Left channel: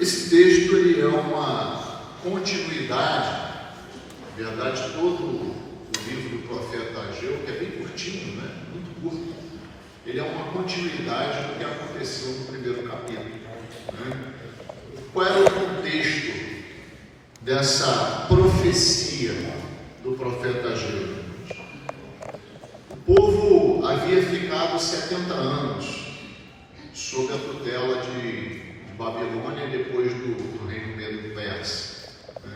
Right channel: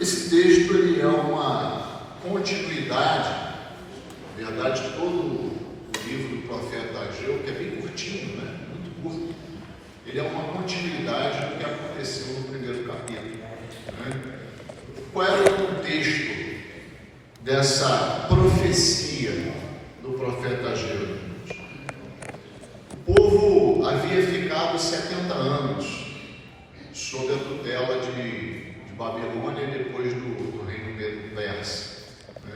Esse texto ele é uma continuidade, na verdade, todo o livro do profeta Ageu, que é bem curtinho, né? Muito curto, ele é uma continuidade do que aconteceu no primeiro capítulo. Né? Qual era o contexto dessa profecia do profeta Ageu? O povo havia ficado 70 anos sob a tutela de Babilônia e depois do reino Medo-Persa. Né?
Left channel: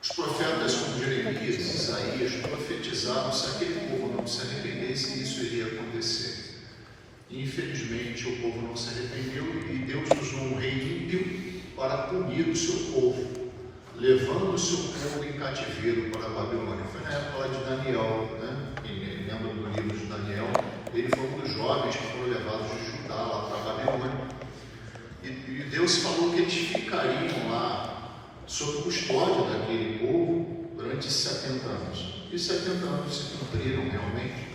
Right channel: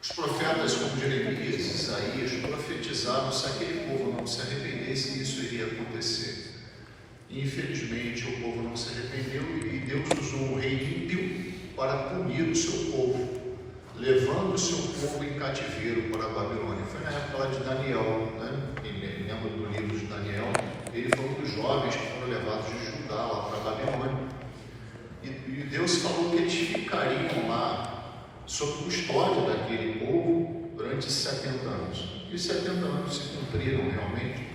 Os profetas como Jeremias e Isaías profetizavam: se aquele povo não se arrependesse, isso iria acontecer. E, infelizmente, o povo não se arrependeu e Deus usou um rei ímpio para punir o seu povo, levando o seu povo em cativeiro para a Babilônia. Foi na época de Daniel, né? Quem lembra do livro de Daniel? Ele foi um dos jovens que foram levados de Judá lá para a Babilônia. E Deus falou que eles ficariam lá sob custódia daquele povo durante 70 anos. E 70 anos se cumpriram realmente.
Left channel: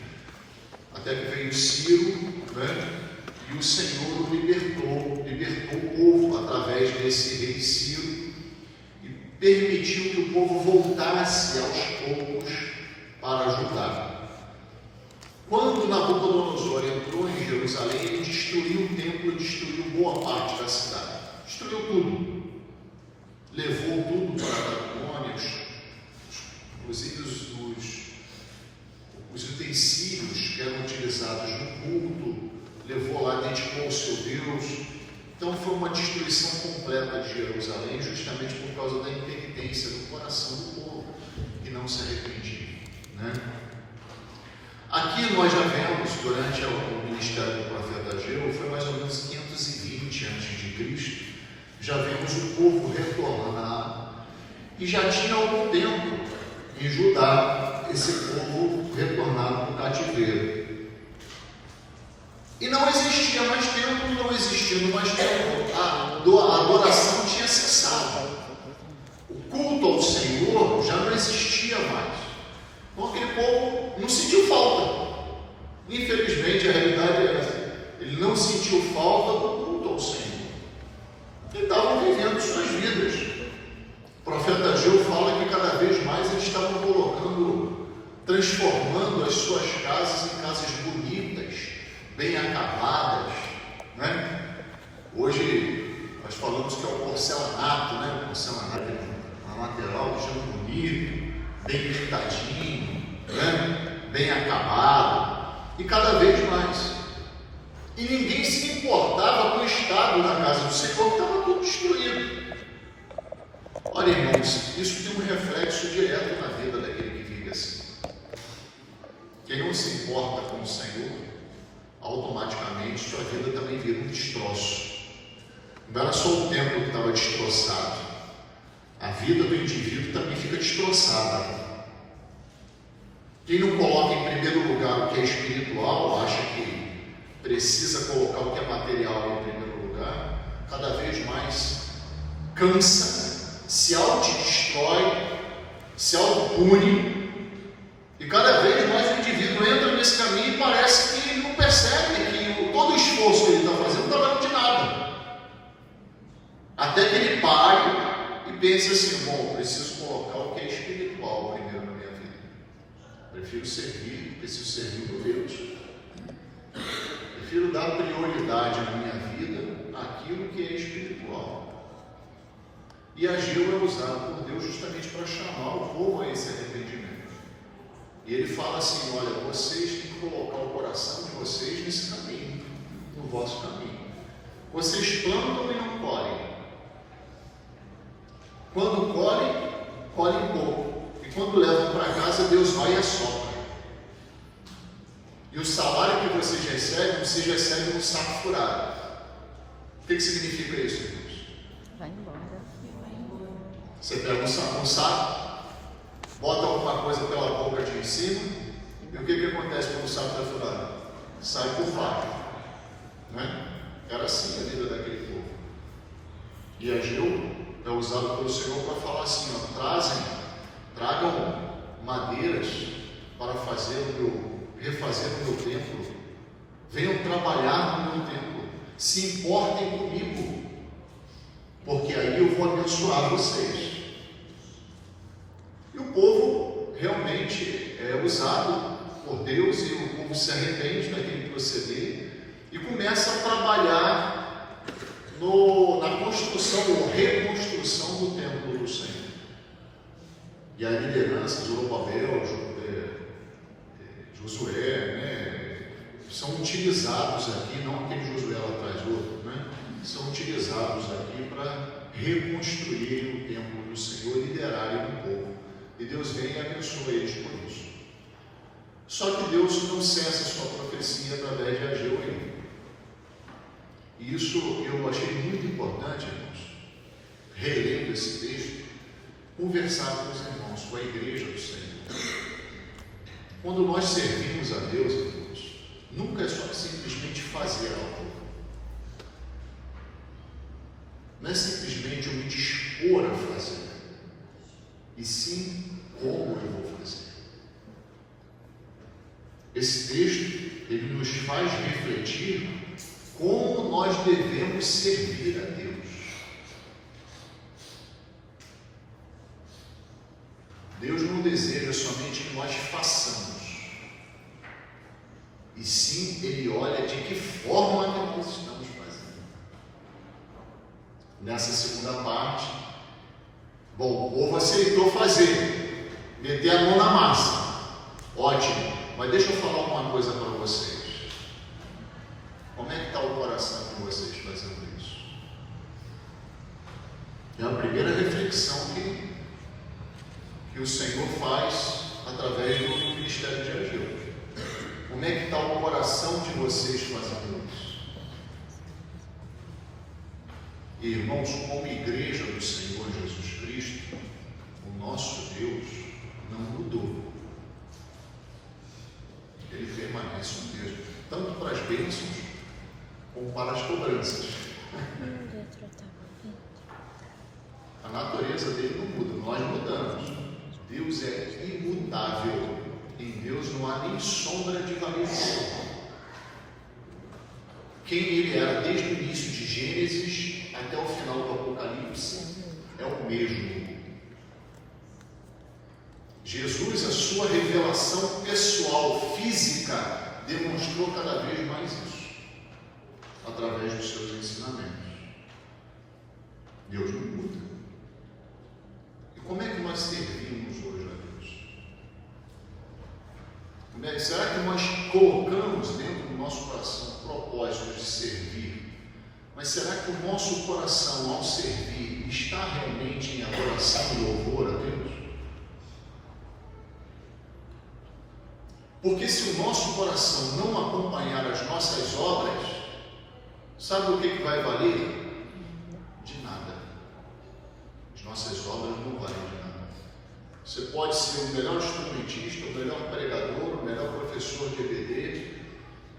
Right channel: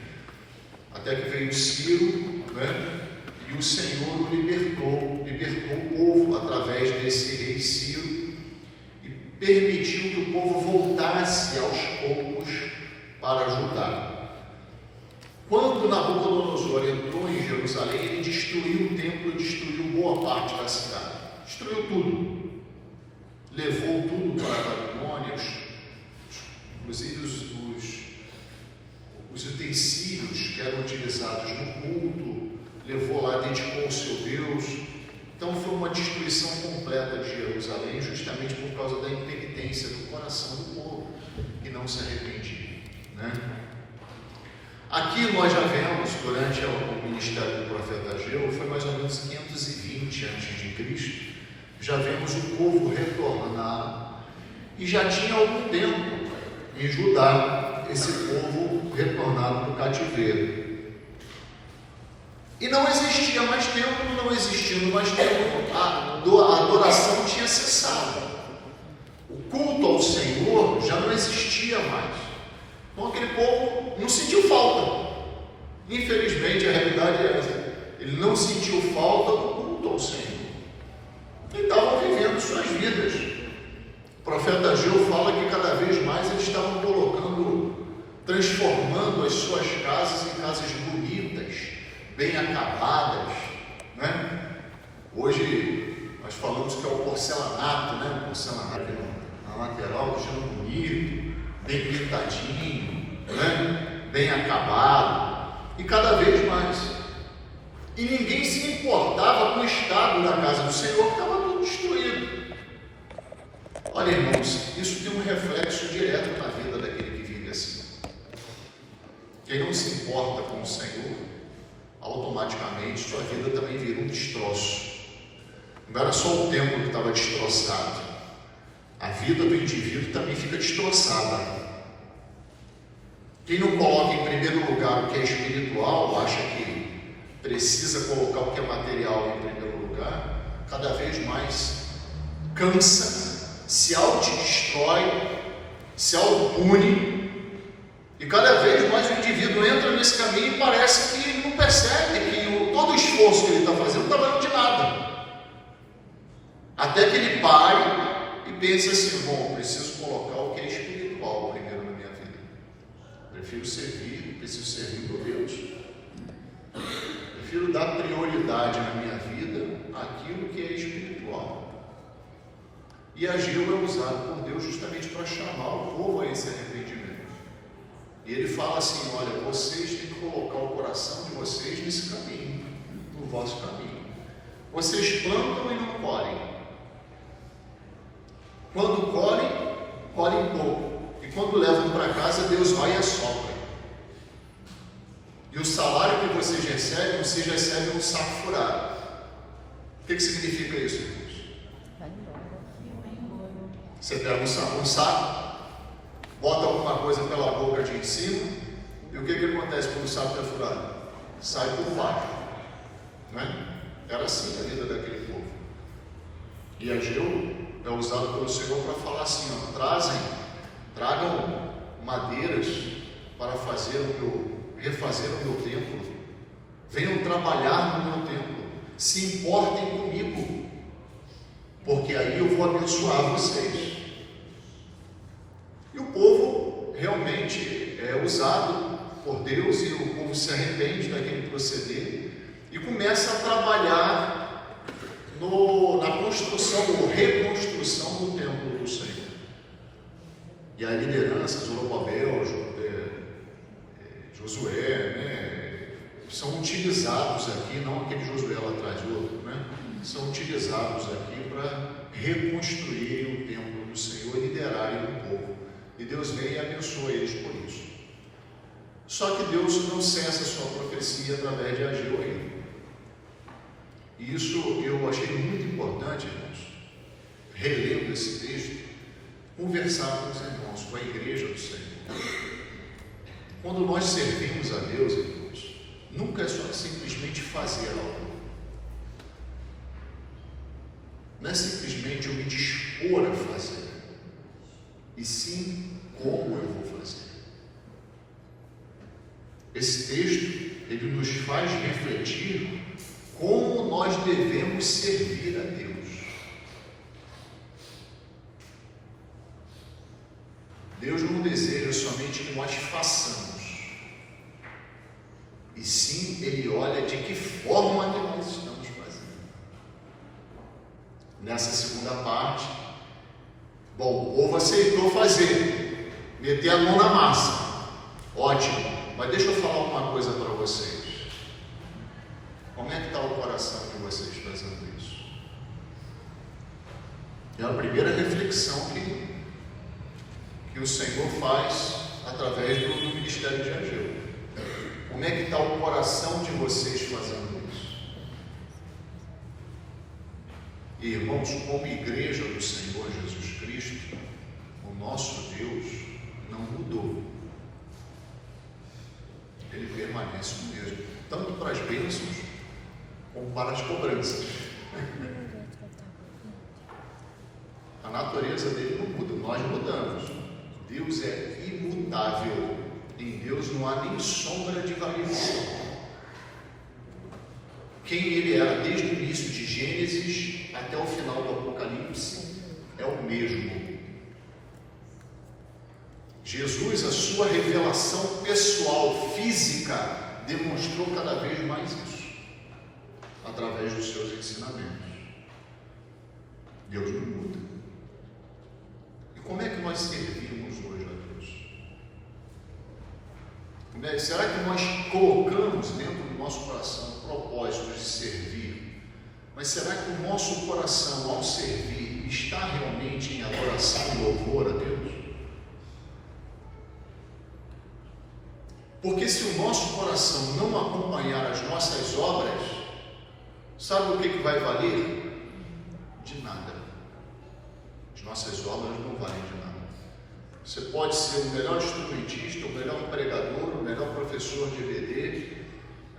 Até que veio Ciro, né? E o Senhor o libertou o povo através desse rei Ciro e permitiu que o povo voltasse aos poucos para Judá. Quando Nabucodonosor entrou em Jerusalém, ele destruiu o templo e destruiu boa parte da cidade. Destruiu tudo. Levou tudo para a Babilônia, inclusive os utensílios que eram utilizados no culto, levou lá, dedicou ao seu Deus. Então foi uma destruição completa de Jerusalém, justamente por causa da impenitência do coração do povo, que não se arrependia. Né? Aqui nós já vemos, durante o ministério do profeta Ageu, foi mais ou menos 520 a.C., já vemos o povo retornar, e já tinha algum tempo em Judá esse povo retornado do cativeiro. E não existia mais templo, não existindo mais templo, a adoração tinha cessado. O culto ao Senhor já não existia mais. Então aquele povo não sentiu falta. Infelizmente a realidade é essa. Ele não sentiu falta do culto ao Senhor. E estavam vivendo suas vidas. O profeta Ageu fala que cada vez mais eles estavam transformando as suas casas em casas bonitas, bem acabadas. Né? Hoje nós falamos que é o porcelanato, né? O porcelanato é um material que chama bonito, bem pintadinho, né? Bem acabado, e cada vez mais. E ninguém se importava com o estado da casa do Senhor, que estava tudo destruído. Olha, irmãos, isso tem um reflexo direto na vida daquele que vive assim. Quem não se importa com o Senhor, automaticamente sua vida também vira um destroço. Não era só o templo que estava destroçado, a vida do indivíduo também fica destroçada. Quem não coloca em primeiro lugar o que é espiritual, acha que precisa colocar o que é material em primeiro lugar, cada vez mais cansa, se autodestrói, se autopune, e cada vez mais o indivíduo entra nesse caminho e parece que não percebe que todo o esforço que ele está fazendo não está valendo de nada. Até que ele pare e pense assim: bom, preciso colocar o que é espiritual primeiro na minha vida. Preciso servir por Deus. Prefiro dar prioridade na minha vida àquilo que é espiritual. E Ageu é usado por Deus justamente para chamar o povo a esse arrependimento. E ele fala assim: olha, vocês têm que colocar o coração de vocês nesse caminho, no vosso caminho. Vocês plantam e não colhem. Quando colhem pouco. E quando levam para casa, Deus vai e assopra. E o salário que vocês recebem um saco furado. O que significa isso, irmãos? Você pega um saco, bota alguma coisa pela boca de em cima, e o que acontece quando o saco está furado? Sai por baixo. Né? Era assim a vida daquele povo. E Ageu é usado pelo Senhor para falar assim: ó, tragam madeiras para refazer o meu templo, venham trabalhar no meu templo. se importem comigo, porque aí eu vou abençoar vocês. E o povo realmente é usado por Deus, e o povo se arrepende daquele proceder e começa a trabalhar na construção ou reconstrução do templo do Senhor. E a liderança, Zorobabel, Josué, são utilizados aqui, não aquele Josué lá atrás do outro, são utilizados aqui para reconstruir o templo do Senhor e liderarem o povo. E Deus vem e abençoa eles por isso. Só que Deus não cessa a sua profecia através de Ageu aí. E isso eu achei muito importante, irmãos, relendo esse texto, conversar com os irmãos, com a igreja do Senhor. Quando nós servimos a Deus, irmãos, nunca é só simplesmente fazer algo. Não é simplesmente eu me dispor a fazer, e sim como eu vou fazer. Esse texto, ele nos faz refletir como nós devemos servir a Deus. Deus não deseja somente que nós façamos, e sim Ele olha de que forma que nós estamos fazendo. Nessa segunda parte, bom, o povo aceitou fazer, meter a mão na massa, ótimo, mas deixa eu falar uma coisa para vocês. Como é que está o coração de vocês fazendo isso? É a primeira reflexão que o Senhor faz através do ministério de Ageu. Como é que está o coração de vocês fazendo isso? E, irmãos, como igreja do Senhor Jesus Cristo, o nosso Deus não mudou. Ele permanece o mesmo, tanto para as bênçãos como para as cobranças. A natureza dele não muda, nós mudamos. Deus é imutável. Em Deus não há nem sombra de variação. Quem ele era desde o início de Gênesis até o final do Apocalipse é o mesmo. Jesus, a sua revelação pessoal, física, demonstrou cada vez mais isso, através dos seus ensinamentos. Deus não muda. E como é que nós servimos hoje a Deus? Será que nós colocamos dentro do nosso coração o propósito de servir? Mas será que o nosso coração, ao servir, está realmente em adoração e louvor a Deus? Porque se o nosso coração não acompanhar as nossas obras, sabe o que vai valer? De nada. As nossas obras não valem de nada. Você pode ser o melhor instrumentista, o melhor pregador, o melhor professor de EBD,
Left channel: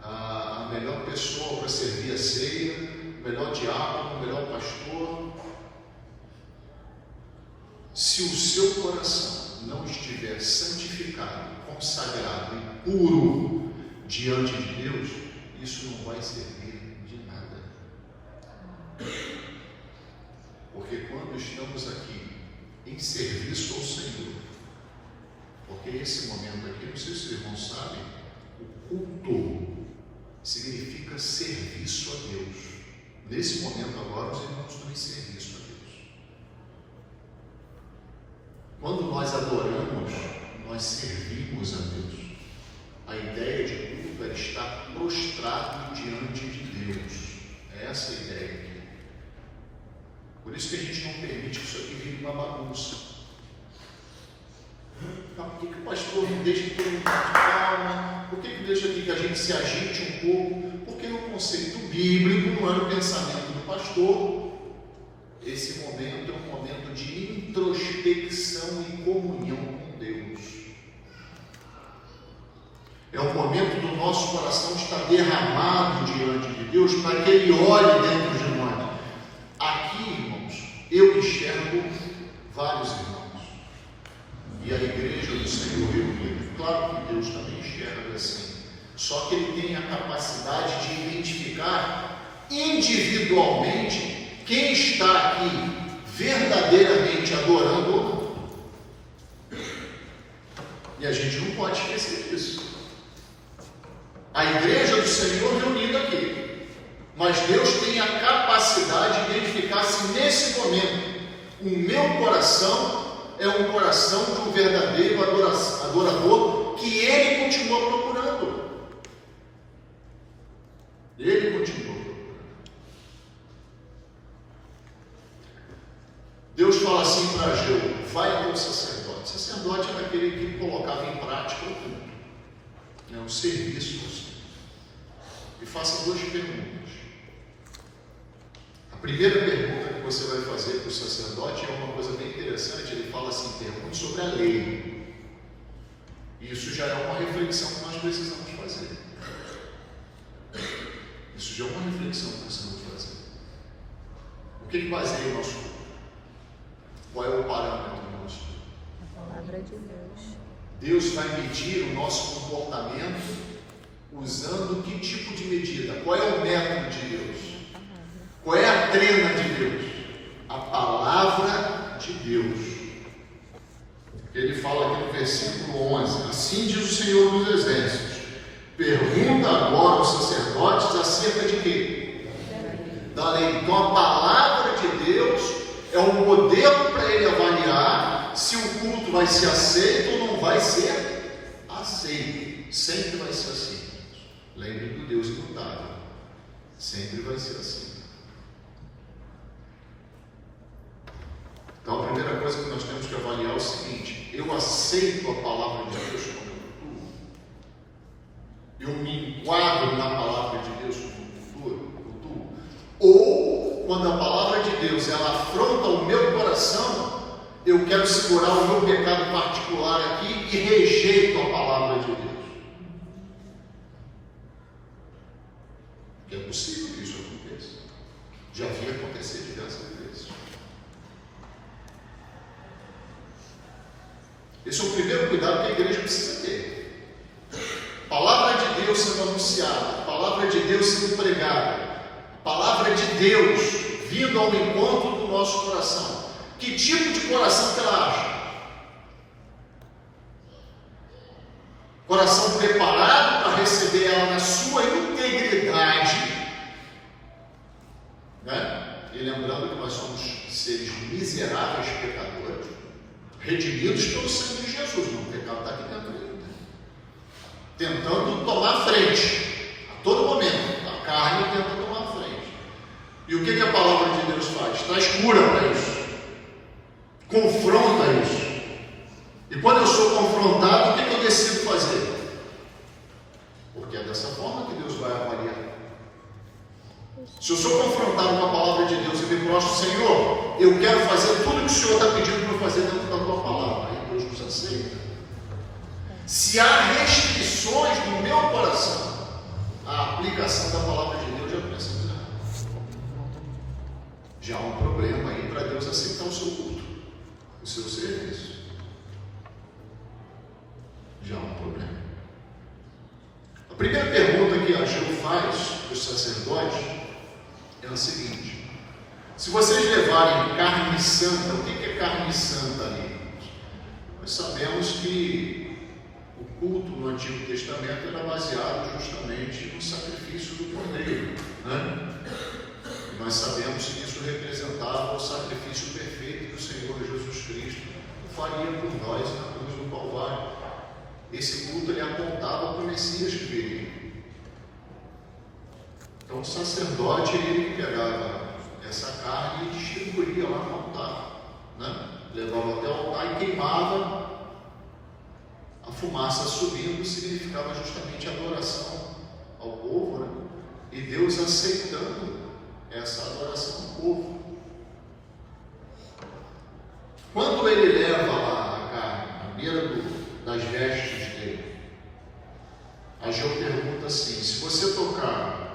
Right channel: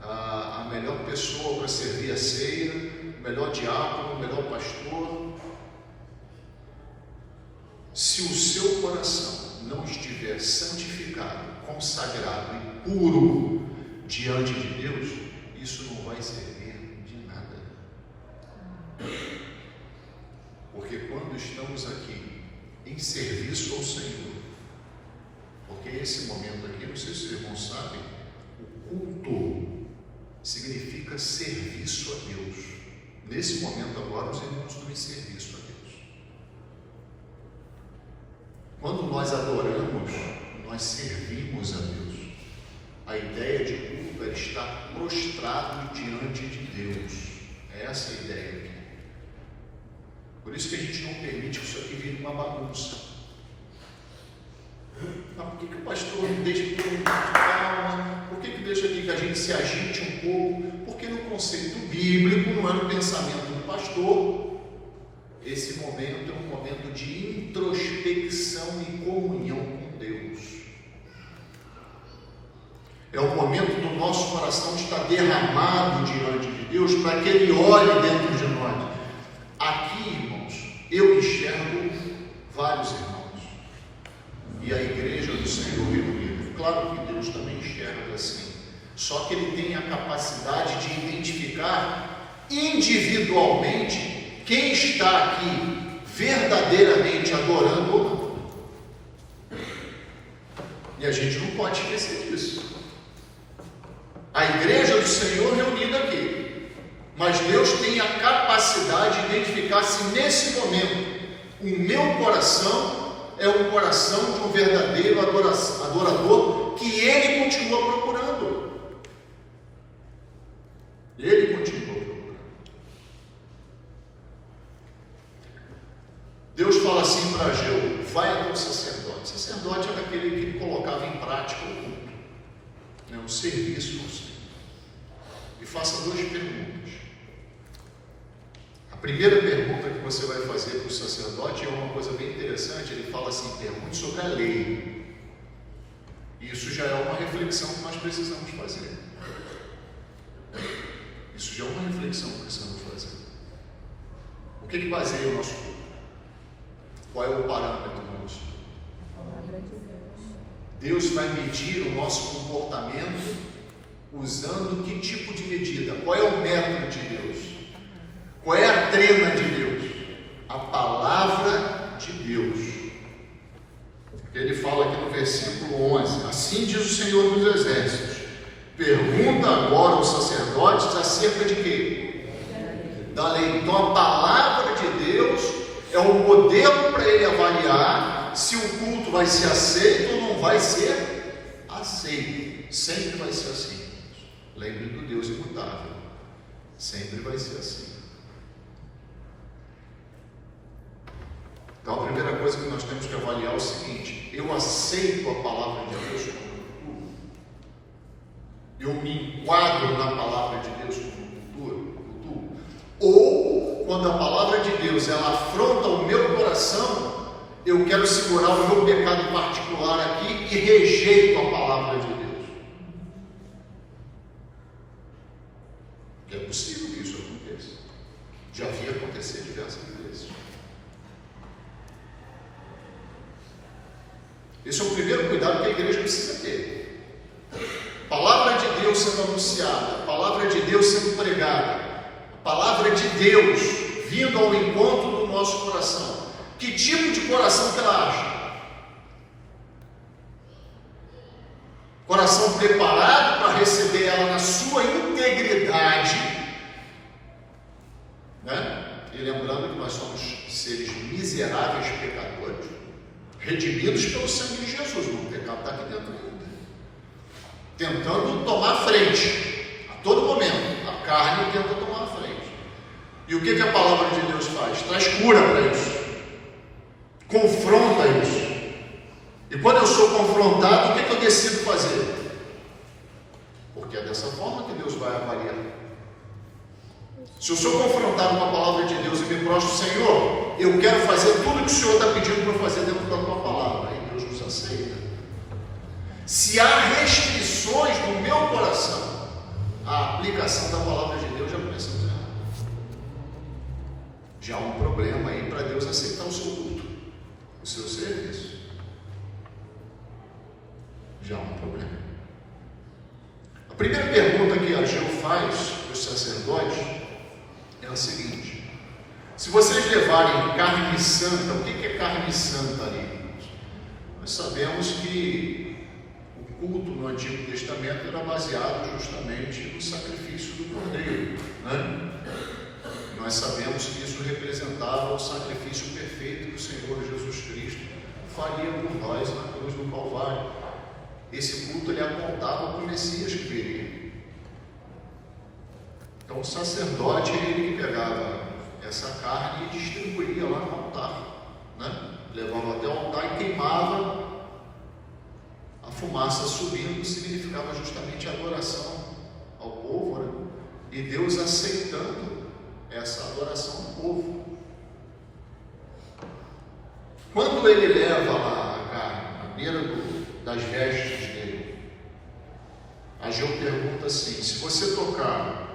a melhor pessoa para servir a ceia, o melhor diácono, o melhor pastor. Se o seu coração não estiver santificado, consagrado e puro diante de Deus, isso não vai servir de nada. Porque quando estamos aqui em serviço ao Senhor, porque esse momento aqui, não sei se vocês não sabem, o culto significa serviço a Deus. Nesse momento agora, os irmãos estão em serviço a Deus. Quando nós adoramos, nós servimos a Deus. A ideia de culto é estar prostrado diante de Deus. É essa a ideia aqui. Por isso que a gente não permite que isso aqui vire uma bagunça. Não, por que o pastor não deixa que eu calma? Por que deixa aqui que a gente se agite um pouco? Porque no conceito bíblico, não é no pensamento do pastor, esse momento é um momento de introspecção e comunhão com Deus. É o momento do nosso coração estar derramado diante de Deus para que Ele olhe dentro de nós. Aqui, irmãos, eu enxergo vários irmãos. E a igreja do Senhor reunida. Claro que Deus também enxerga assim. Só que Ele tem a capacidade de identificar individualmente quem está aqui verdadeiramente adorando ou não. E a gente não pode esquecer disso. A igreja do Senhor reunida aqui, mas Deus tem a capacidade de identificar se nesse momento o meu coração é um coração de um verdadeiro adorador que Ele continua procurando. Ele continua procurando. Deus fala assim para Ageu: vai até o sacerdote. O sacerdote era aquele que colocava em prática o culto, um serviço ao Senhor. E faça duas perguntas. A primeira pergunta que você vai fazer para o sacerdote é uma coisa bem interessante. Ele fala assim: pergunte sobre a lei. E isso já é uma reflexão que nós precisamos fazer. Isso já é uma reflexão que precisamos fazer. O que baseia o nosso culto? Qual é o parâmetro do nosso culto? Deus vai medir o nosso comportamento usando que tipo de medida? Qual é o método de Deus? Qual é a trena de Deus? A palavra de Deus. Ele fala aqui no versículo 11: assim diz o Senhor dos Exércitos, pergunta agora aos sacerdotes acerca de quê? Da lei. Então a palavra de Deus é um modelo para ele avaliar se o culto vai ser aceito ou não vai ser aceito. Sempre vai ser assim. Lembre do Deus imutável. Sempre vai ser assim. Então a primeira coisa que nós temos que avaliar é o seguinte: eu aceito a palavra de Deus como cultura? Eu me enquadro na palavra de Deus como cultura? Ou quando a palavra de Deus ela afronta o meu coração, eu quero segurar o meu pecado particular aqui e rejeito a palavra de Deus? É possível que isso aconteça. Já vi acontecer diversas vezes. Esse é o primeiro cuidado que a igreja precisa ter. Palavra de Deus sendo anunciada, palavra de Deus sendo pregada, palavra de Deus vindo ao encontro do nosso coração. Que tipo de coração que ela acha? Coração preparado para receber ela na sua integridade, né? E lembrando que nós somos seres miseráveis pecadores, redimidos pelo sangue de Jesus. O pecado está aqui dentro ainda, tentando tomar frente a todo momento. A carne tenta tomar frente. E o que a palavra de Deus faz? Traz cura para isso, confronta isso. E quando eu sou confrontado, o que eu decido fazer? Porque é dessa forma que Deus vai avaliar. Se eu sou confrontado com a palavra de Deus e me prostro: Senhor, eu quero fazer tudo o que o Senhor está pedindo para eu fazer dentro da tua palavra. Aí Deus nos aceita. Se há restrições no meu coração, a aplicação da palavra de Deus já começa a virar. Já há um problema aí para Deus aceitar o seu culto, o seu serviço. Já há um problema. A primeira pergunta que Ageu faz para os sacerdotes é a seguinte: se vocês levarem carne santa, o que é carne santa ali? Nós sabemos que o culto no Antigo Testamento era baseado justamente no sacrifício do cordeiro, né? E nós sabemos que isso representava o sacrifício perfeito que o Senhor Jesus Cristo faria por nós na cruz do Calvário. Esse culto ele apontava para o Messias que viria. Então o sacerdote ele pegava essa carne e distribuía lá no altar, né? Levava até o altar e queimava. A fumaça subindo significava justamente a adoração ao povo, né? E Deus aceitando essa adoração ao povo. Quando ele leva lá a carne à beira das vestes dele, Ageu pergunta assim: se você tocar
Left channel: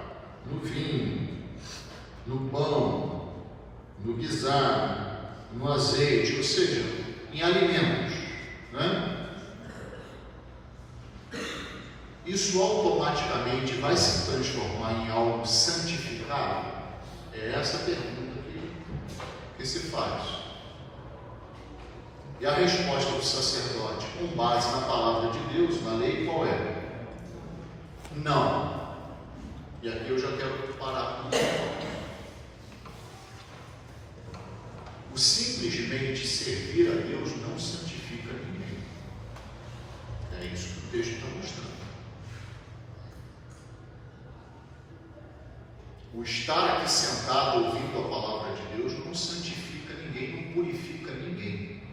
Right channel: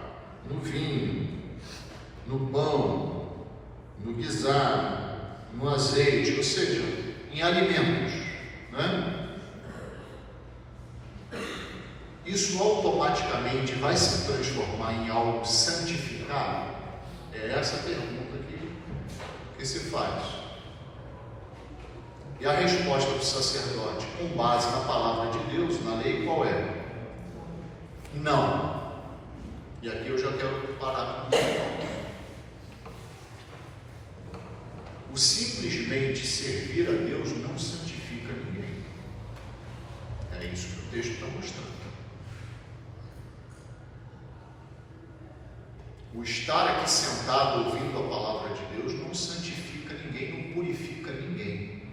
no vinho, no pão, no guisado, no azeite, ou seja, em alimentos, né? Isso automaticamente vai se transformar em algo santificado? É essa a pergunta que se faz. E a resposta do sacerdote, com base na palavra de Deus, na lei, qual é? Não. E aqui eu já quero parar com isso. O simplesmente servir a Deus não santifica ninguém. É isso que o texto está mostrando. O estar aqui sentado ouvindo a palavra de Deus não santifica ninguém, não purifica ninguém.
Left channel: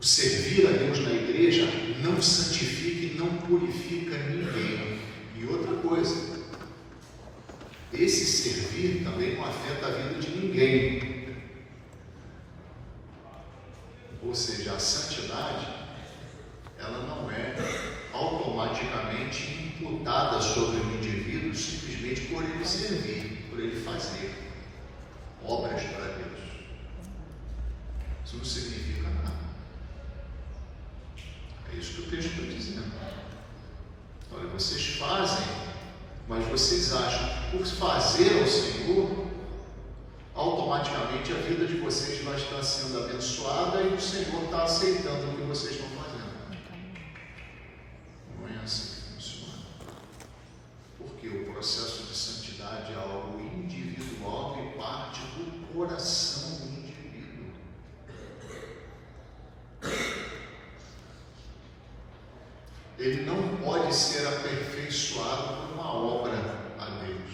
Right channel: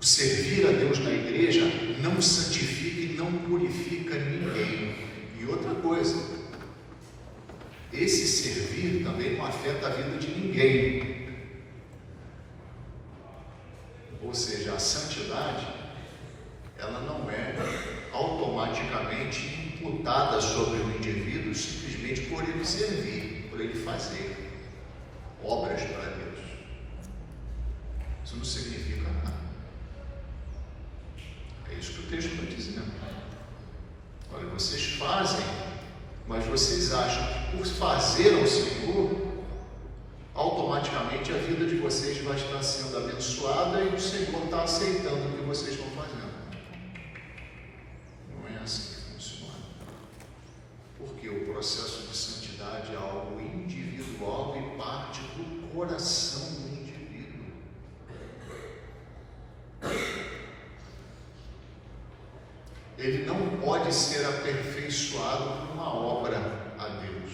O servir a Deus na igreja não santifica e não purifica ninguém. E outra coisa, esse servir também não afeta a vida de ninguém. Ou seja, a santidade, ela não é automaticamente imputada sobre o indivíduo simplesmente por ele servir, por ele fazer obras para Deus. Isso não significa nada. É isso que o texto está dizendo. Olha, vocês fazem, mas vocês acham que por fazer ao Senhor, automaticamente a vida de vocês vai estar sendo abençoada e o Senhor está aceitando o que vocês estão fazendo. Não é assim que funciona. Porque o processo de santidade é algo individual e parte do coração do indivíduo. Ele não pode ser aperfeiçoado por uma obra a Deus,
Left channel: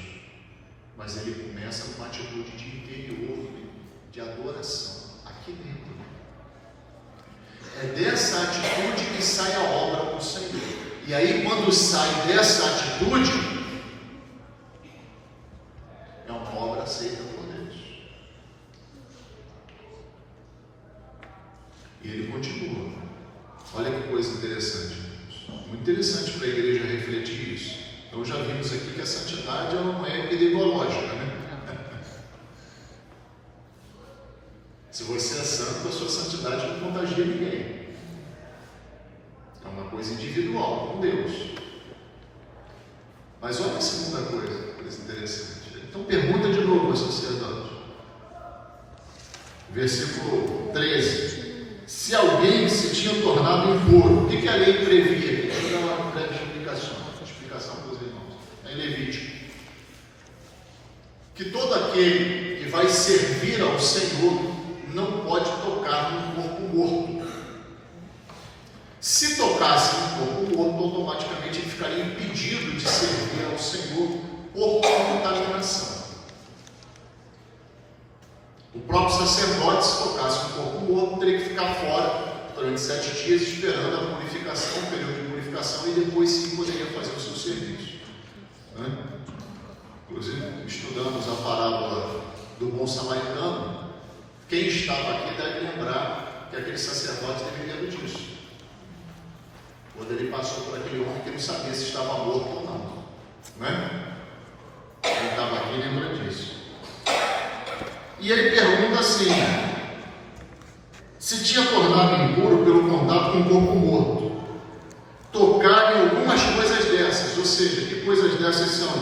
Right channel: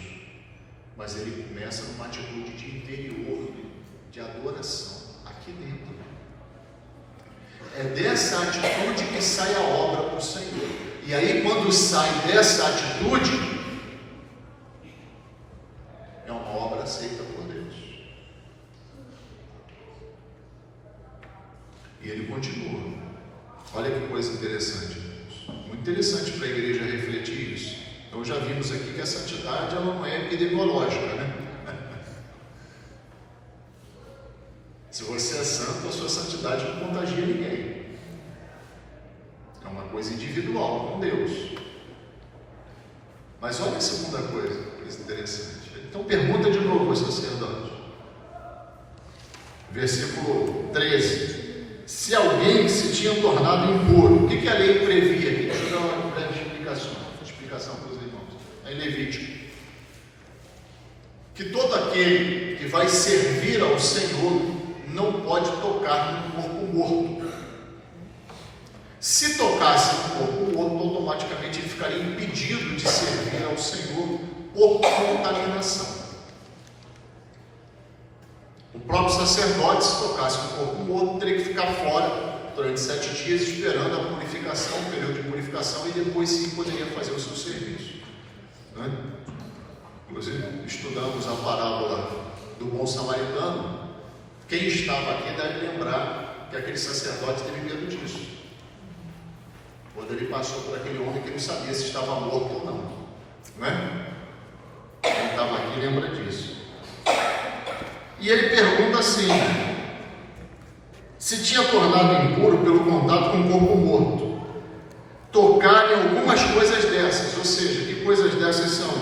mas ele começa numa atitude de interior, de adoração, aqui dentro. É dessa atitude que sai a obra do Senhor. E aí, quando sai dessa atitude, é uma obra aceita por Deus. E ele continua. Olha que coisa interessante. Muito interessante para a igreja refletir isso. Então já vimos aqui que a santidade ela não é epidemiológica, né? Se você é santo, a sua santidade não contagia ninguém. É uma coisa individual com Deus. Mas olha a segunda coisa interessante. Então pergunta de novo ao sacerdote. Versículo 13. Se alguém se tinha tornado impuro, o que a lei previa aqui? Deixa eu dar uma breve explicação para os irmãos. É em Levítico. Que todo aquele que vai servir ao Senhor não pode tocar num corpo morto. Se tocasse num corpo morto, automaticamente ele ficaria impedido de servir ao Senhor por contaminação. O próprio sacerdote, se tocasse um corpo morto, teria que ficar fora durante 7 dias, esperando a purificação, o período de purificação, e depois sim poderia fazer o seu serviço. Inclusive, estudamos a parábola do bom samaritano. Quem estava aqui deve lembrar que aquele sacerdote teve medo disso. Quando ele passou por aquele homem que não sabia se estava morto ou não. Quem estava aqui lembra disso. E ele pergunta assim: se tinha tornado impuro pelo contato com o corpo morto, tocar em algumas coisas dessas, ou seja, que coisas dessas são?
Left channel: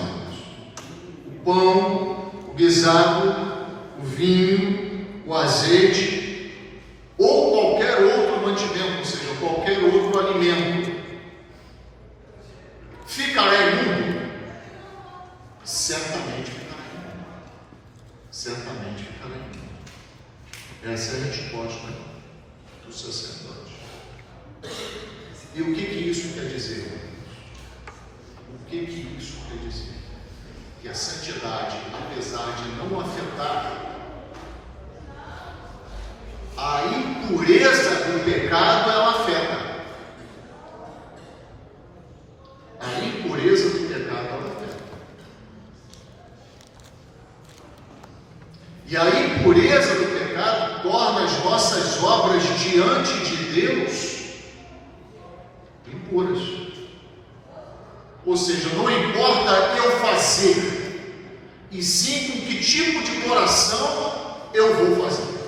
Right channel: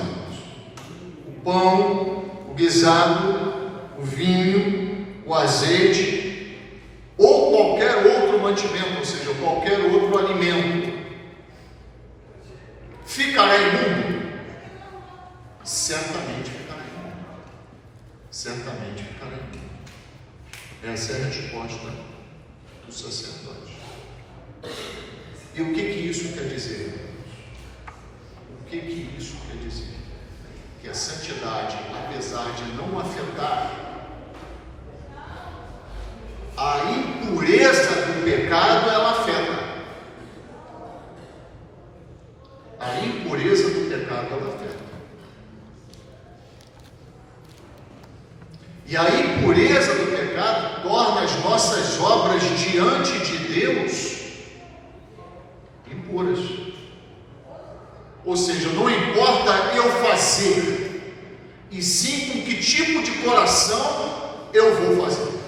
O pão, o guisado, o vinho, o azeite, ou qualquer outro mantimento, ou seja, qualquer outro alimento, ficará imundo? Certamente ficará. Certamente ficará imundo. Essa é a resposta do sacerdote. E o que isso quer dizer? O que isso quer dizer? Que a santidade, apesar de não afetar a impureza do pecado, ela afeta. A impureza do pecado, ela afeta. E a impureza do pecado torna as nossas obras diante de Deus impuras. Ou seja, não importa eu fazer, e sim com que tipo de coração eu vou fazer.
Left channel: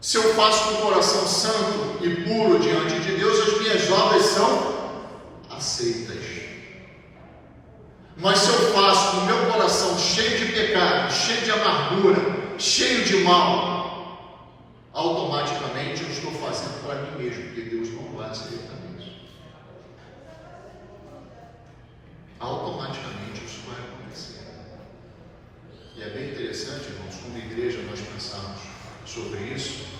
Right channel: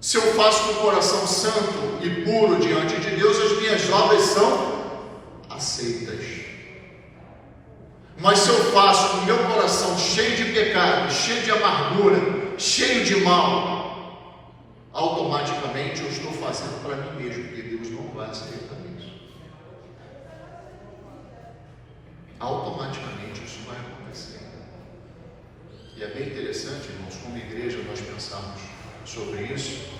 Se eu faço com o coração santo e puro diante de Deus, as minhas obras são aceitas. coração cheio de pecado, cheio de amargura, cheio de mal, automaticamente eu estou fazendo para mim mesmo, porque Deus não vai aceitar isso. Automaticamente isso vai acontecer. E é bem interessante, irmãos, como igreja nós pensarmos sobre isso,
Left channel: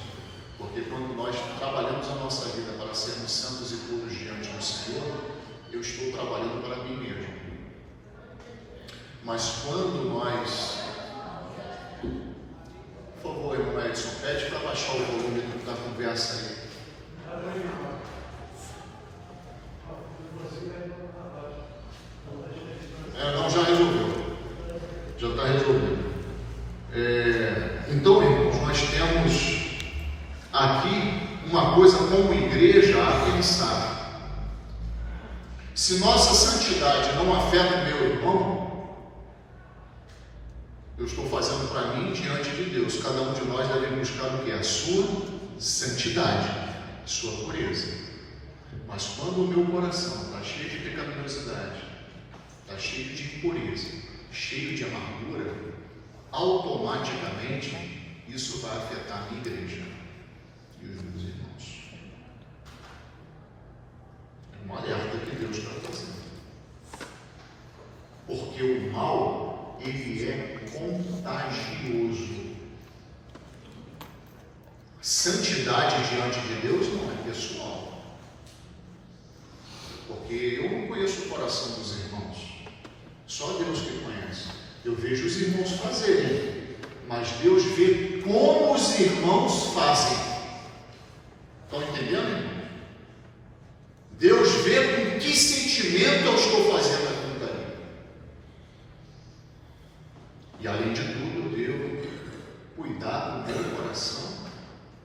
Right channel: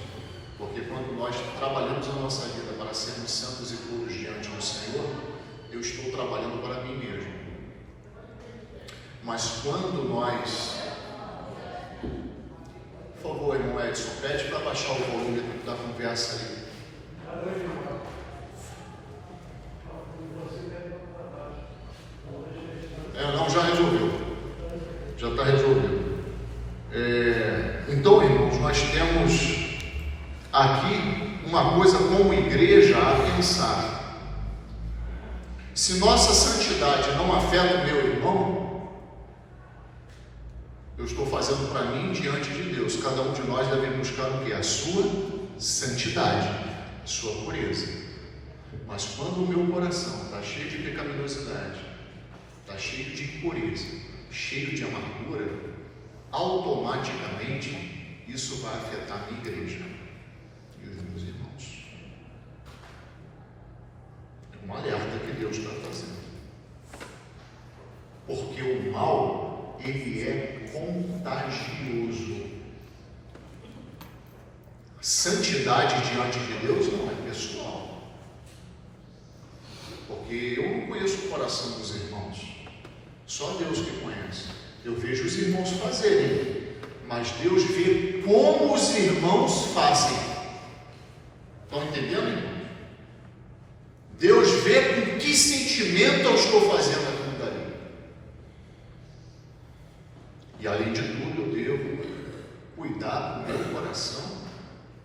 porque quando nós trabalhamos a nossa vida para sermos santos e puros diante do Senhor, eu estou trabalhando para mim mesmo. Mas quando nós, por favor, irmão Edson, pede para baixar o volume da conversa aí. Não, já resolveu. Já está resolvido. Então, irmãos, nós temos aqui uma coisa como igreja a pensar. Se nossa santidade não afeta o meu irmão, eu estou fazendo para mim diante de Deus. Cada um de nós deve buscar o que? A sua santidade, a sua pureza. Mas quando o meu coração está cheio de pecaminosidade, está cheio de impureza, cheio de amargura, automaticamente isso vai afetar a minha igreja e os meus irmãos. É um alerta que Deus está fazendo. Porque o mal, ele é contagioso. Santidade diante de Deus não é pessoal. Porque eu não conheço o coração dos irmãos. Só Deus que conhece. Eu vejo os irmãos fazerem, mas Deus vê como os irmãos fazem. Estão entendendo, irmão? Deus vê com que sentimento eu estou fazendo aquilo dali. E além de tudo, eu devo cuidar do meu coração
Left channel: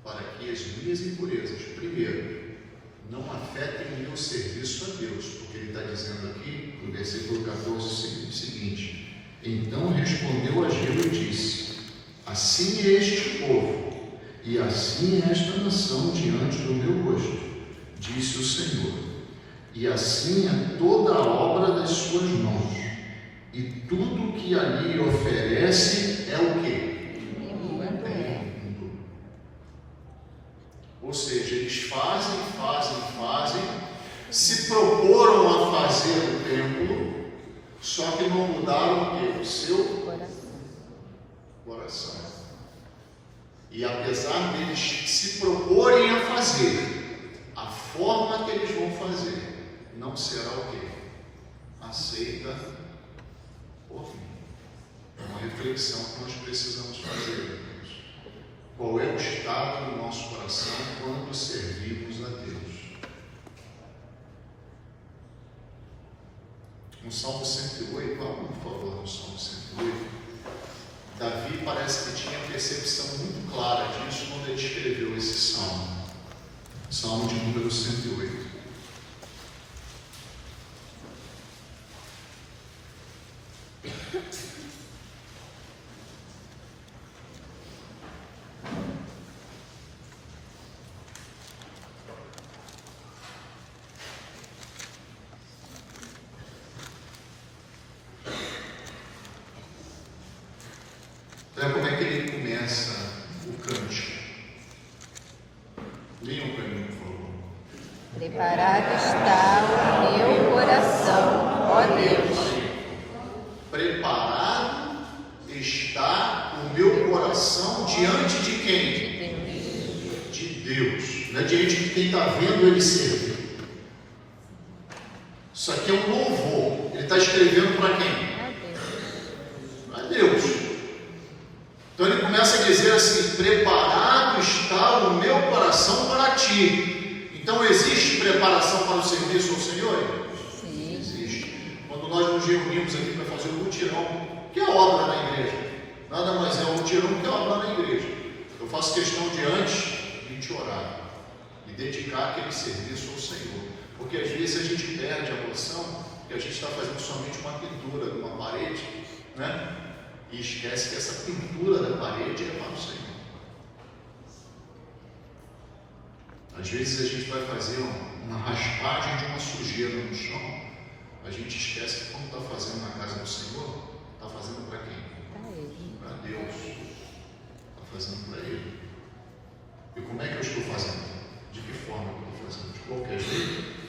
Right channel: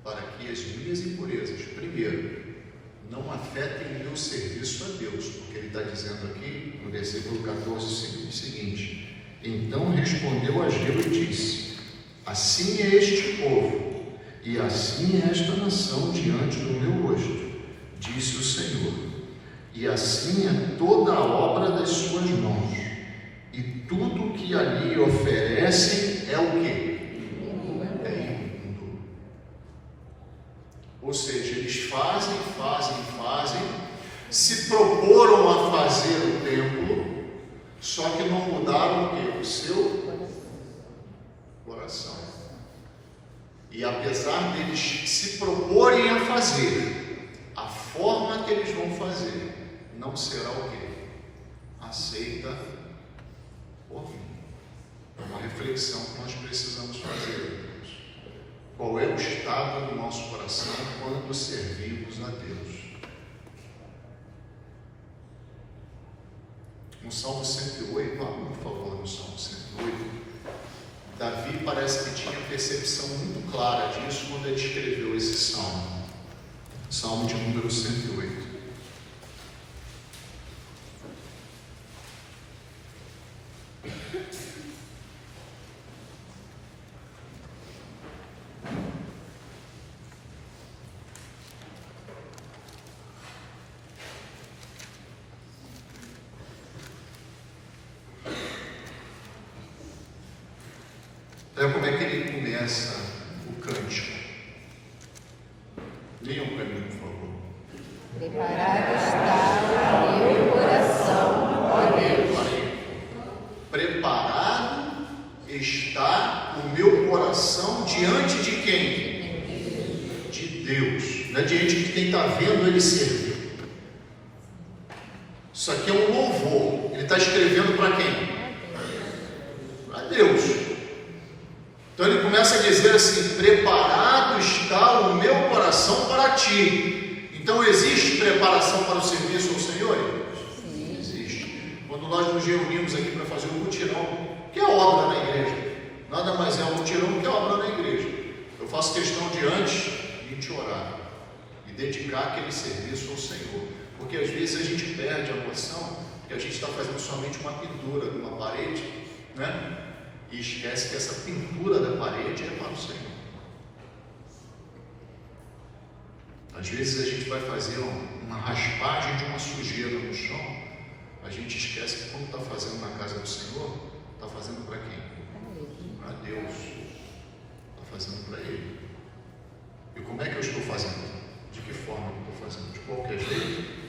para que as minhas impurezas, primeiro, não afetem o meu serviço a Deus, porque ele está dizendo aqui, no versículo 14, o seguinte: então respondeu Ageu e disse: assim é este povo, e assim é esta nação diante do meu rosto, disse o Senhor, e assim é toda a obra das suas mãos, e tudo que ali oferece é o quê? Ou seja, eles fazem, se proporam a fazer o templo, só que não mudaram o quê? O seu coração. E apesar deles se proporem a fazer, a forma que eles vão fazer não será o quê? Aceita por mim. É uma reflexão que nós precisamos fazer. Qual é o estado do nosso coração quando servimos a Deus? No Salmo 108, por favor, no Salmo 108, Davi parece que tinha percepção muito clara disso quando ele escreveu esse salmo. Salmo de número 108. Olha como é que ele começa o cântico. Leiam para mim, por favor. Preparado está o meu coração, ó Deus. Preparado está o meu coração diante de quem? De Deus. Não é diante de quem está vendo ele servir. Isso aqui é um louvor. Ele está escrevendo para quem? Para Deus. Então ele começa a dizer assim: preparado está o meu coração para ti. Então existe preparação para o serviço ao Senhor? Sim. Existe. Quando nós nos reunimos aqui para fazer um mutirão, que é a obra da igreja, nada mais é um mutirão do que a obra da igreja. Eu faço questão de antes de a gente orar e dedicar aquele serviço ao Senhor, porque às vezes a gente perde a noção que a gente está fazendo somente uma pintura de uma parede, né? E esquece que essa pintura da parede é para o Senhor. Às vezes a gente vai fazer uma raspagem de uma sujeira no chão, a gente esquece que quando está fazendo na casa do Senhor, está fazendo fazendo para Ele. E como é que eu estou fazendo? De que forma eu estou fazendo? De qualquer jeito.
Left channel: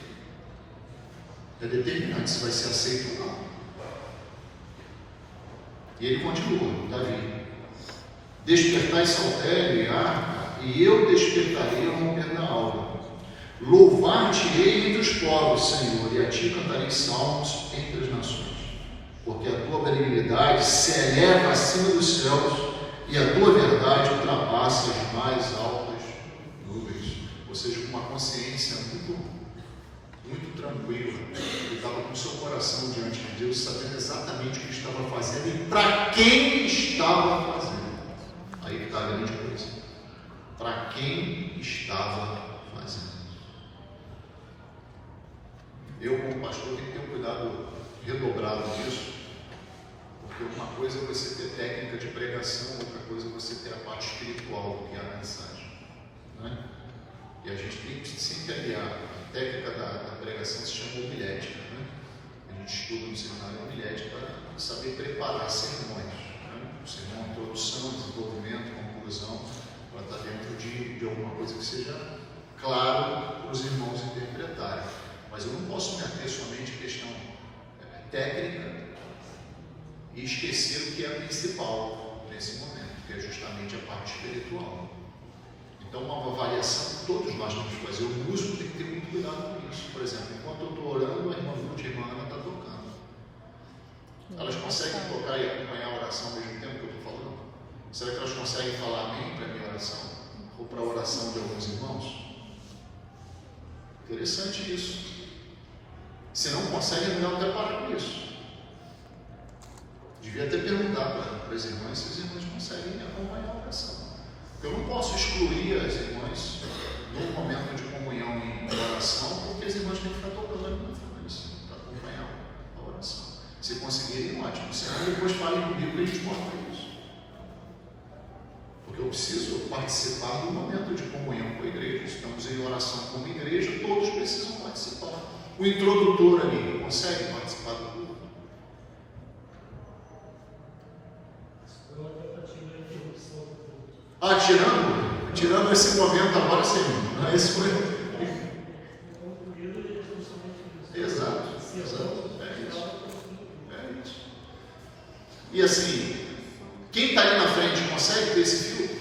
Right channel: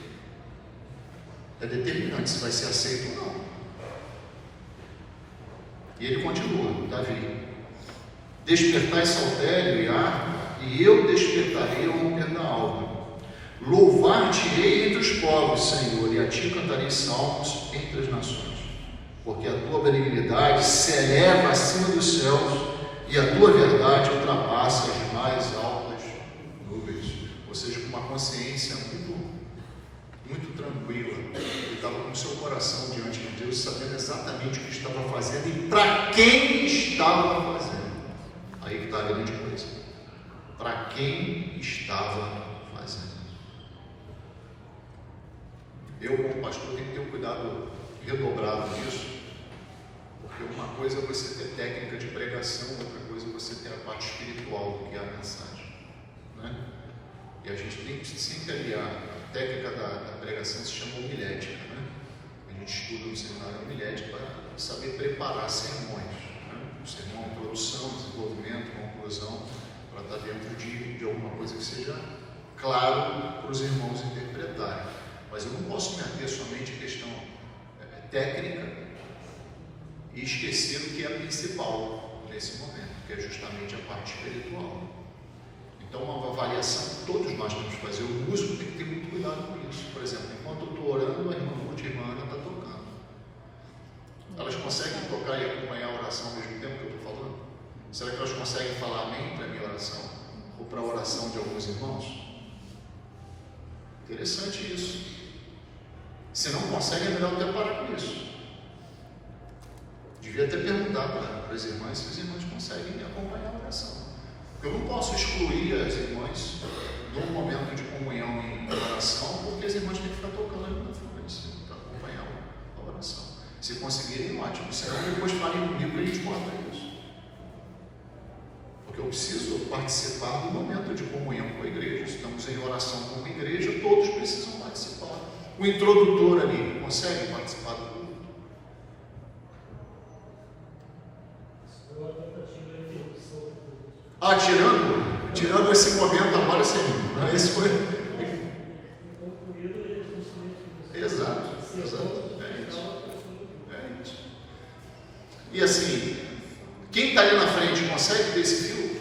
É determinante se vai ser aceito ou não. E ele continua, Davi: despertai saltério e harpa, e eu despertarei ao romper da alva. Louvar-te-ei entre os povos, Senhor, e a ti cantarei salmos entre as nações. Porque a tua benignidade se eleva acima dos céus, e a tua verdade ultrapassa as mais altas nuvens. Ou seja, com uma consciência muito tranquila. Ele estava com o seu coração diante de Deus, sabendo exatamente o que estava fazendo e para quem estava fazendo. Aí que está a grande coisa. Para quem estava fazendo. Eu, como pastor, tenho que ter um cuidado redobrado nisso. Porque uma coisa é você ter técnica de pregação, outra coisa é você ter a parte espiritual do que é a mensagem. Né? E a gente tem que sempre aliar. A técnica da pregação se chama homilética. Né? A gente estuda no seminário homilética para saber preparar sermões. Né? O sermão, introdução, desenvolvimento, conclusão, para estar dentro de alguma coisa que seja claro para os irmãos interpretarem. Mas eu não posso me ater somente à questão técnica e esquecer o que é principal nesse momento, que é justamente a parte espiritual. Então, uma avaliação que todos nós temos que fazer. O músico tem que ter muito cuidado com isso. Por exemplo, enquanto eu estou orando, a irmã Ruth e a irmã Ana estão tocando. Elas conseguem tocar e acompanhar a oração ao mesmo tempo que eu estou falando? Será que elas conseguem falar amém para a minha oração? Ou para a oração de alguns irmãos? Interessante isso. Se não consegue, é melhor até parar com isso. Devia ter perguntado para as irmãs se os irmãos conseguem acompanhar a oração. Eu não posso excluir as irmãs num momento de comunhão em oração, porque as irmãs têm que ficar tocando ali na frente para acompanhar a oração. Se conseguirem, ótimo. Senão, depois falem comigo e a gente corta isso. Porque eu preciso participar do momento de comunhão com a igreja. Estamos em oração como igreja, todos precisam participar. O introdutor ali consegue participar do culto? Tirando esse momento agora, sim. Não é esse momento. Exato. É isso. E assim, quem está ali na frente consegue ter esse fio?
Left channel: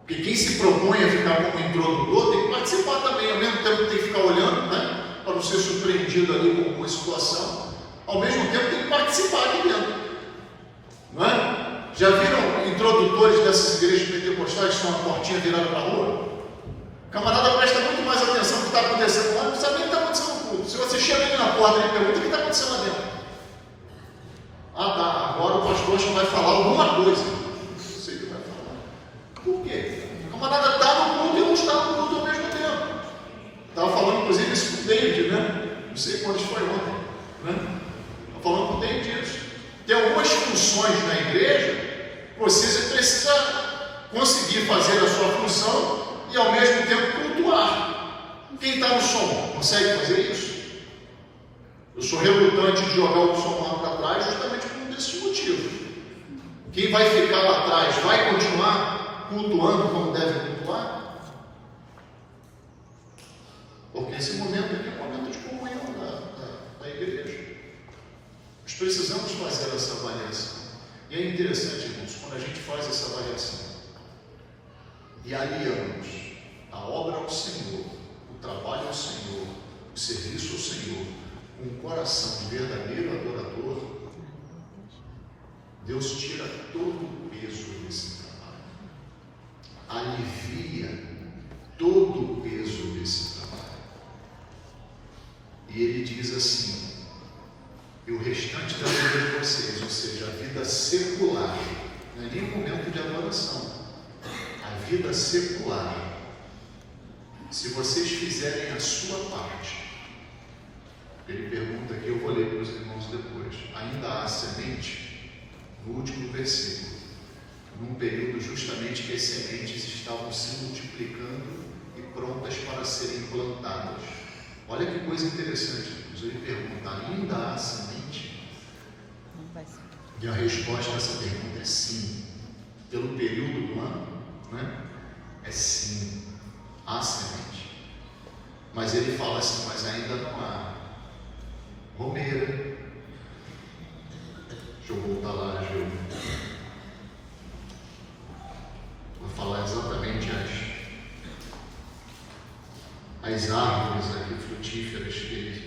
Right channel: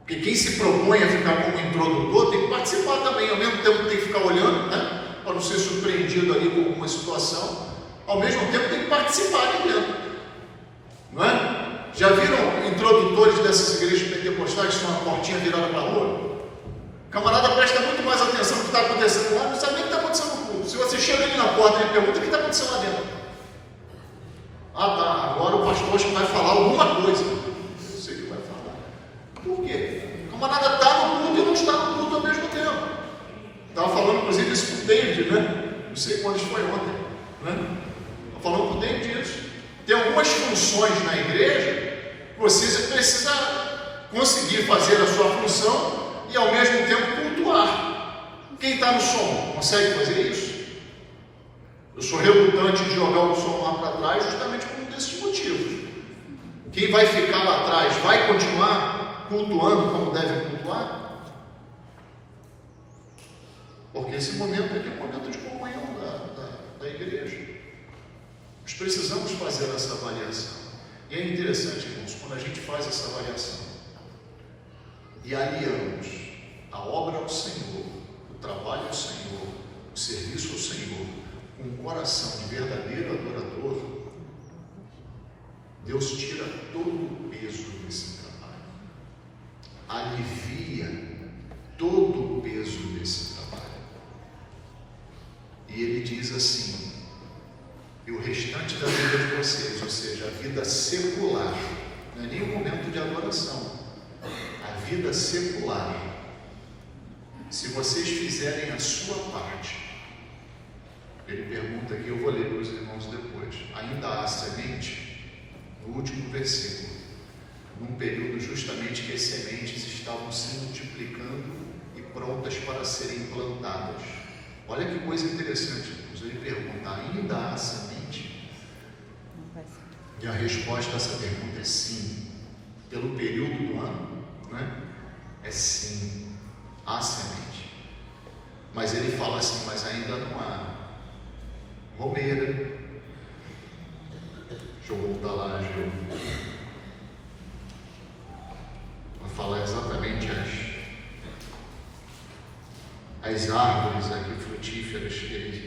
Porque quem se propõe a ficar como introdutor tem que participar também, ao mesmo tempo tem que ficar olhando, né? Para não ser surpreendido ali com alguma situação, ao mesmo tempo tem que participar ali dentro. Não é? Já viram introdutores dessas igrejas pentecostais com uma portinha virada para a rua? O camarada presta muito mais atenção no que está acontecendo lá, não sabe nem o que está acontecendo no culto. Se você chega ali na porta e pergunta o que está acontecendo lá dentro. Ah, tá, agora o pastor acho que vai falar alguma coisa. Não sei o que vai falar. Por quê? O camarada está no culto e não está no culto ao mesmo tempo. Estava falando, inclusive, isso com o David, né? Não sei quando foi ontem. Né? Estava falando com o David isso. Tem algumas funções na igreja que você precisa conseguir fazer a sua função e ao mesmo tempo cultuar. Quem está no som consegue fazer isso? Eu sou relutante de jogar o som lá para trás justamente por um desses motivos. Quem vai ficar lá atrás vai continuar cultuando como deve cultuar? Porque esse momento aqui é um momento de comunhão da igreja. Nós precisamos fazer essa avaliação. E é interessante, irmãos, quando a gente faz essa avaliação e aliamos a obra ao Senhor, o trabalho ao Senhor, o serviço ao Senhor, com um coração de verdadeiro adorador, Deus tira todo o peso desse trabalho, alivia todo o peso desse trabalho. E Ele diz assim: e o restante da vida de vocês, ou seja, a vida secular, não é nem um momento de adoração, a vida secular, se vocês fizerem a sua parte, ele pergunta aqui, eu vou ler para os irmãos depois, ainda há semente, no último versículo, num período justamente que as sementes estavam se multiplicando e prontas para serem plantadas. Olha que coisa interessante, ele pergunta, ainda há semente? E a resposta a essa pergunta é sim. pelo período do ano, né? É sim, há semente. Mas ele fala assim, mas ainda não há romeira. Deixa eu voltar lá, Gil. Vou falar exatamente as árvores aqui frutíferas que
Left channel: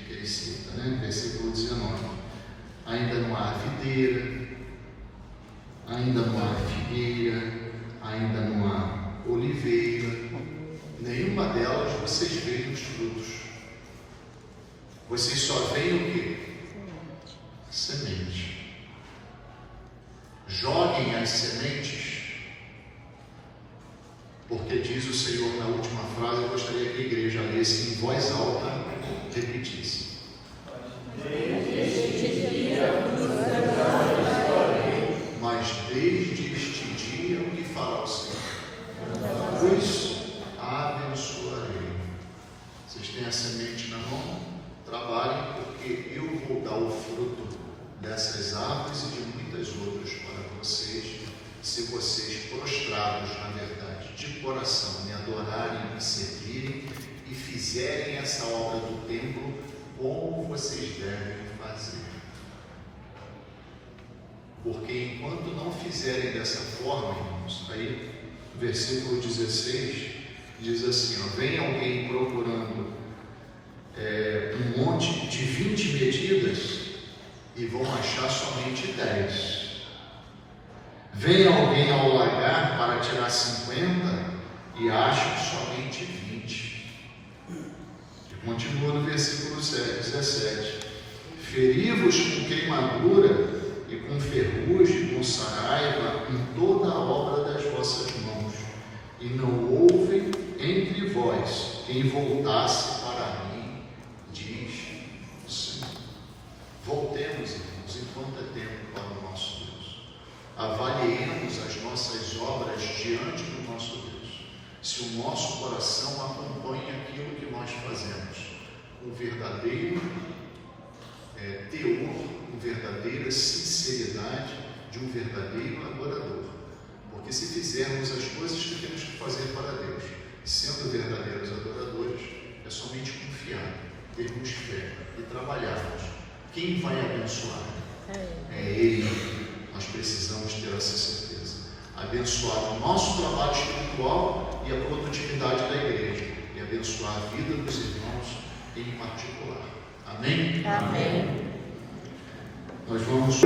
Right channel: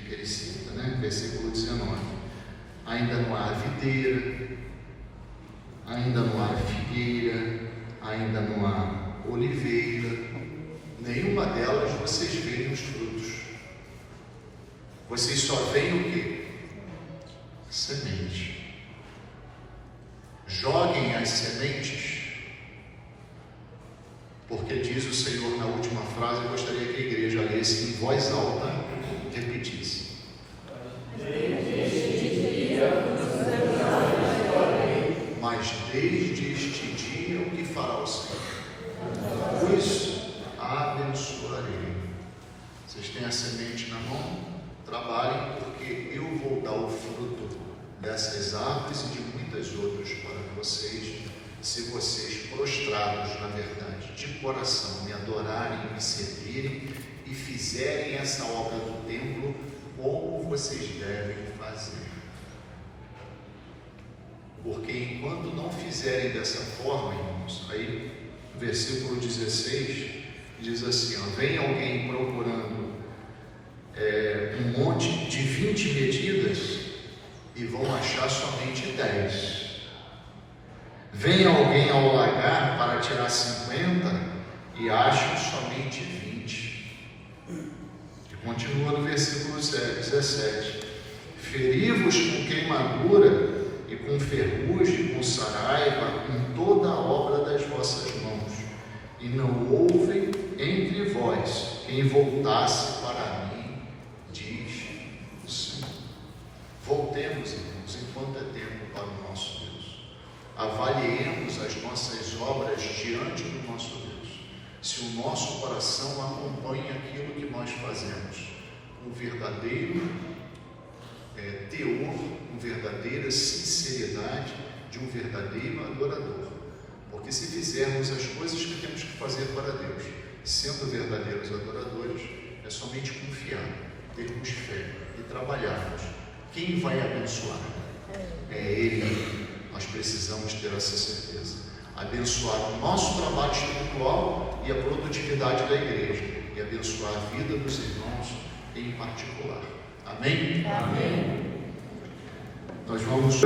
ele cita, né? Versículo 19. Ainda não há videira, ainda não há figueira, ainda não há oliveira, nenhuma delas vocês veem os frutos. Vocês só veem o quê? Semente. Joguem as sementes, porque diz o Senhor na última frase, eu gostaria que a igreja lesse em voz alta e repetisse. Mas desde este dia o que fará o Senhor? Os abençoarei. Vocês têm a semente na mão? Trabalhem, porque eu vou dar o fruto dessas árvores e de muitas outras para vocês, se vocês prostrados na verdade, de coração, me adorarem, me servirem e fizerem essa obra do templo como vocês devem fazer. Porque enquanto não fizerem dessa forma, irmãos, aí o versículo 16 diz assim, ó, vem alguém procurando um monte de 20 medidas e vão achar somente 10. Vem alguém ao lagar para tirar 50 e acham somente 20. E continua no versículo 17. Feri-vos com queimadura e com ferrugem, com saraiva, em toda a obra das vossas mãos, e não houve entre vós quem voltasse para mim, diz o Senhor. Voltemos, irmãos, enquanto é tempo para o nosso Deus. Avaliemos as nossas obras diante do nosso Deus. Se o nosso coração acompanha aquilo que nós fazemos, um verdadeiro teor, uma verdadeira sinceridade de um verdadeiro adorador. Porque se fizermos as coisas que temos que fazer para Deus, sendo verdadeiros adoradores, é somente confiar, termos fé e trabalharmos. Quem vai abençoar? É Ele. Nós precisamos ter essa certeza. Abençoar o nosso trabalho espiritual e a produtividade da igreja. E abençoar a vida dos irmãos em particular. Amém? Amém. Nós vamos...